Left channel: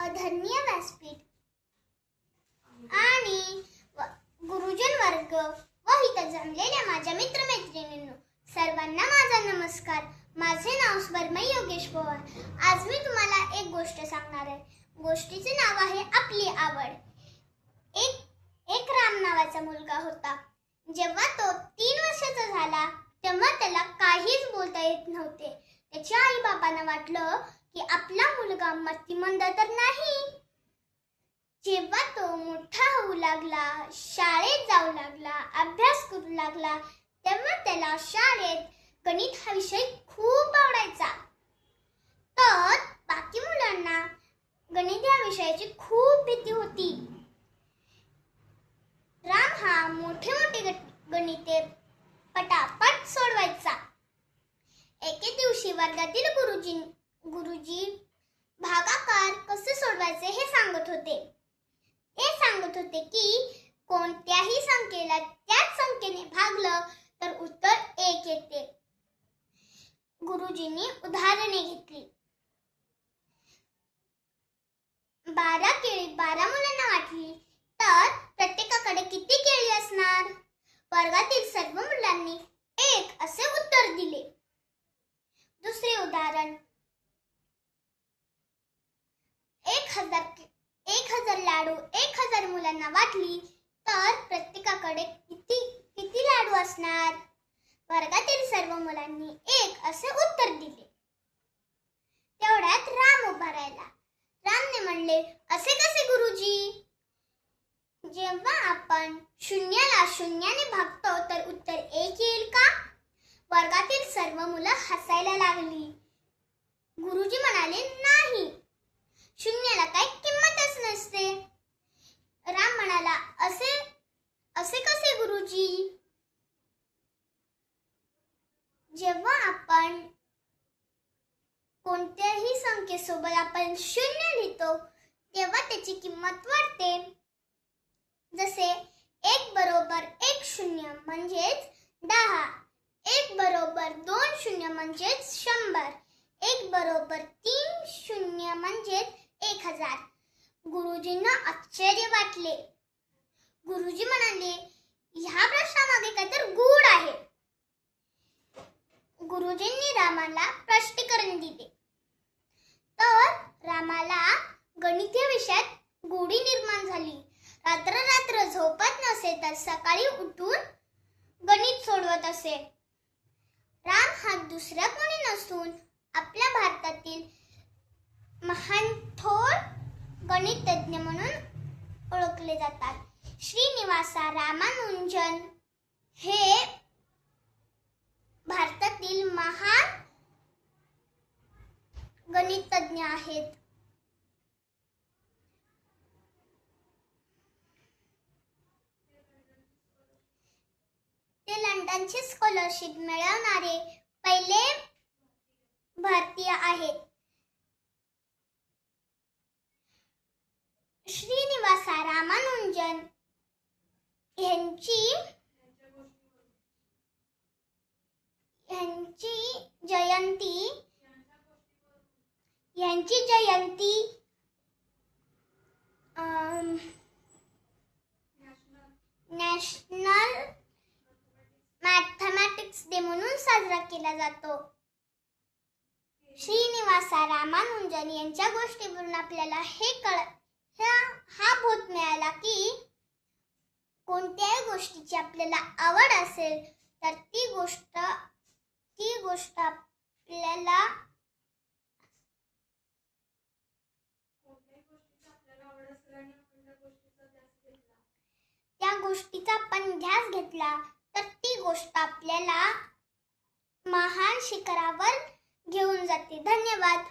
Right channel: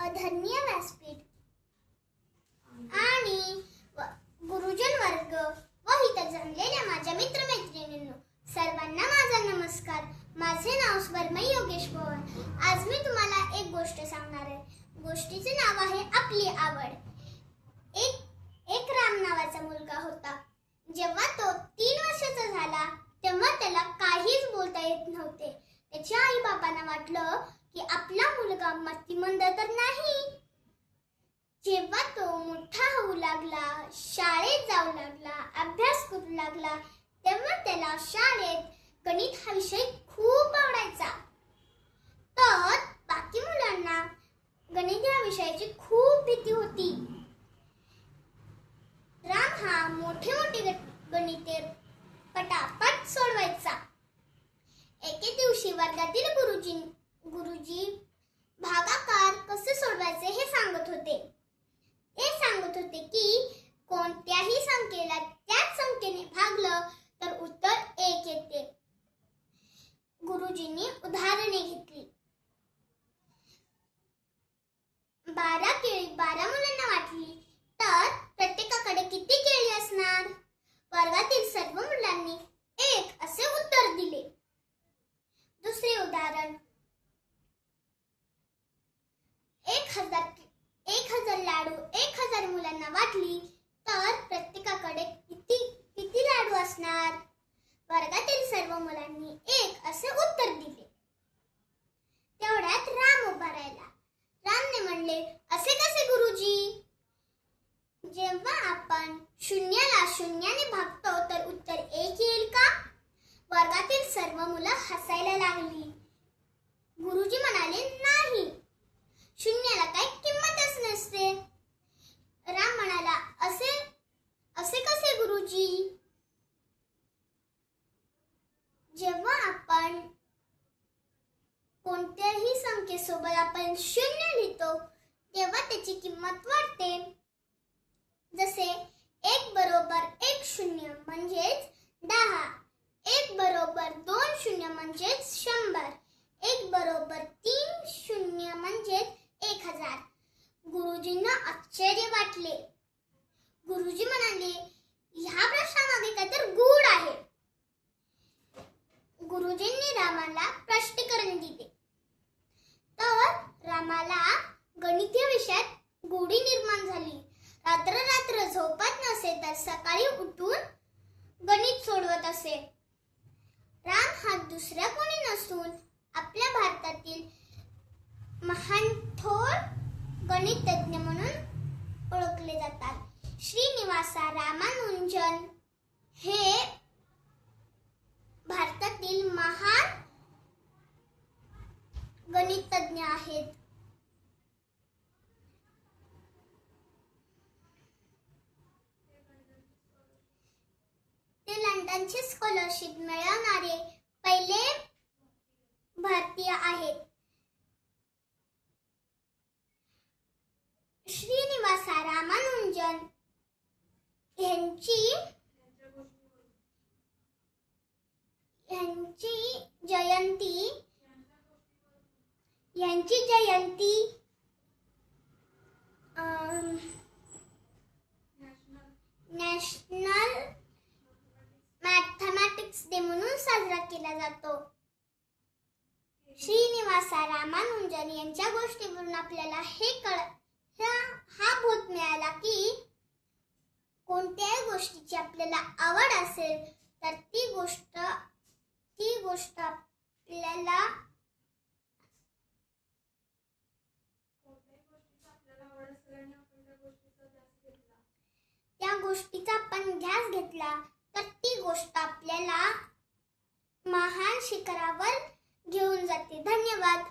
आदरणीय व्यासपीठ आणि गुरुजन वर्ग व इथं जमलेल्या माझ्या मित्रमैत्रिणींनो, सर्वांना माझा नमस्कार. माझे नाव स्वर्मय योगेश पवार. आज मी तुम्हाला एक गोष्ट सांगणार आहे. गोष्टीचे नाव आहे आपली आवड. एक राम नावाचा मुलगा होता. जेव्हा तो 3 वर्षाचा झाला तेव्हा त्याला काहीच बोलता येत नव्हते. त्याच्या आई बाबांना वाटलं की आपला मुलगा मतिमंद तर नाही. जेव्हा तो मोठा होऊ लागला, शाळेत जाऊ लागला, अभ्यास करू लागला, तेव्हा त्याला शाळेत गणित हा विषय खूप आवडायचा. तर बाकी मुलांना गणित या विषयाची खूप भीती होती. राम हा मोठे मोठे गणिते पटापट सोडवायचा. एके दिवशी वर्गातील गुरुजी भागाकार कसे सोडवायचे हे सांगत होते. ते सांगत होते की कोणत्याही संख्येला त्याच संख्येने भागलं तर उत्तर 1 येते. गुरुजींनी उदाहरणे घेतली. 12 केळी 12 मुलांना वाटली तर प्रत्येकाकडे किती केळी असणार? वर्गातील सर्व मुलांनी 1 असे उत्तर दिले. दुसरे उदाहरण, 1000 लाडू 1000 मुलांना वाटली तर प्रत्येकाकडे किती लाडू असणार? वर्गातील सर्व मुलांनी 1 असे उत्तर दिले. तेवढ्यात राम उभा राहिला. रामने म्हणले, असे कसे गुरुजी? जेव्हा आपण शून्याला शून्याने भागतो तर उत्तर 1 येईल का? वर्गातील सर्व मुलं हसायला लागली. गुरुजी म्हणाले, नाही, शून्याला काही किंमतच नसते. राम म्हणाला, असे कसे गुरुजी? जेव्हा आपण कोणत्याही संख्येसोबत आपण 0 लिहितो तेव्हा त्याची किंमत वाढते. जसे 1 बरोबर 1 शून्य म्हणजेच 10, 1 बरोबर 2 शून्य म्हणजेच 100, 1 बरोबर 3 शून्य म्हणजेच 1000. गुरुजींना आश्चर्य वाटले. गुरुजी म्हणाले, ह्या प्रश्नामागे काहीतरी गूढ आहे. गुरुजींनी रामाला स्पष्टीकरण दिले. तर रामाला गणित या विषयात गोडी निर्माण झाली. रात्र झोपत नसे तर सकाळी उठून गणित सोडवत असे. राम हा दुसरा कोणी नसून आपल्या भारतातील महान थोर गणितज्ञ म्हणून ओळखले जातात. श्रीनिवास रामानुजन हे भारतातील महान गणितज्ञ आहेत. ते लंडनची स्कॉलरशिप मिळवणारे पहिले भारतीय आहेत. श्रीनिवास रामानुजन यांची जयंती नॅशनल मॅथमॅटिक्स डे म्हणून साजरा केला जातो. श्रीनिवास रामानुजन यांच्या गोष्टीवरून आपल्याला हा बोध मिळाला की कोणत्याही गोष्टीची आपल्याला आवड असेल तर ती गोष्ट आपल्याला त्या गोष्टीचा आपण ध्यास घेतला तर ती गोष्ट आपल्याला महान शिखरावर घेऊन जाते. धन्यवाद.